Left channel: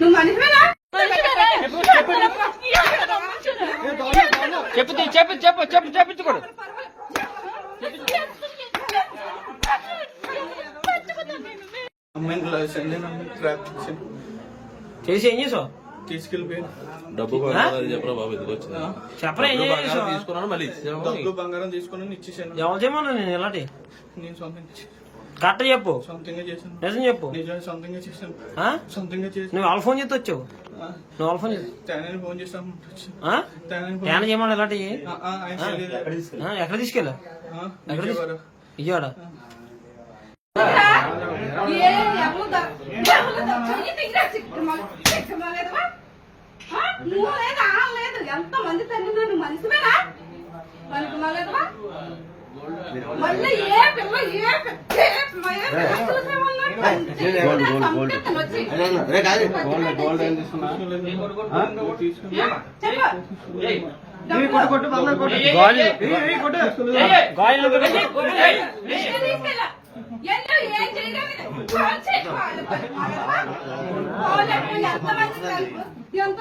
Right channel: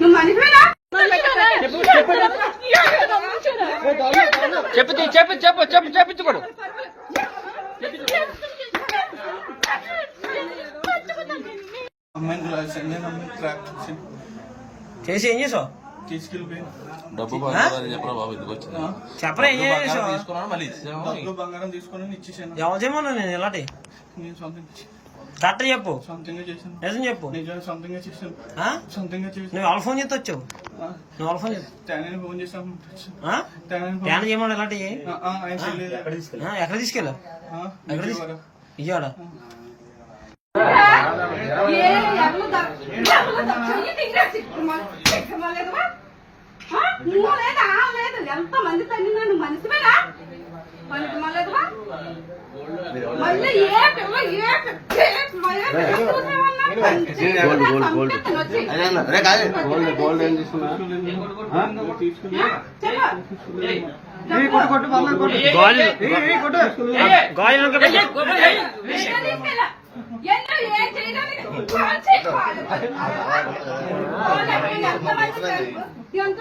నువ్వు మనిషివేనా? చెప్పించుకోడు చేసి ఏం చేసావు? తీసుకెళ్ళిపోయాను. డబ్బు చెప్పరా బాబు, ఎందుకు వచ్చింది చెప్పరా? ఏం చేసావు? బంగారం తీసుకొని ఇచ్చేసాను. ఎవరు చేయమన్నా నేను ఇలాంటి నేను సొంతంగా కరెక్ట్ చెప్పు. సొంతంగా చేశాను. నిజం చెప్పు. నిజంగా సొంతంగా చేశాను. సొంతంగా చేశాను. నువ్వు వాళ్ళ ఫోన్ చేస్తే వచ్చావు. నువ్వు వాళ్ళ ఫోన్ చేసి తేనని ఫోన్ చేసాను. తేన చేయమన్నా ఇలాంటి ఎక్కడ తీసుకెళ్ళా? ఎక్కడ విజయవాడ. ఎంత మంది తల్లి నువ్వు మనిషివేనా? మనకి మళ్ళీ మళ్ళీ ఏ పిల్ల ఎంత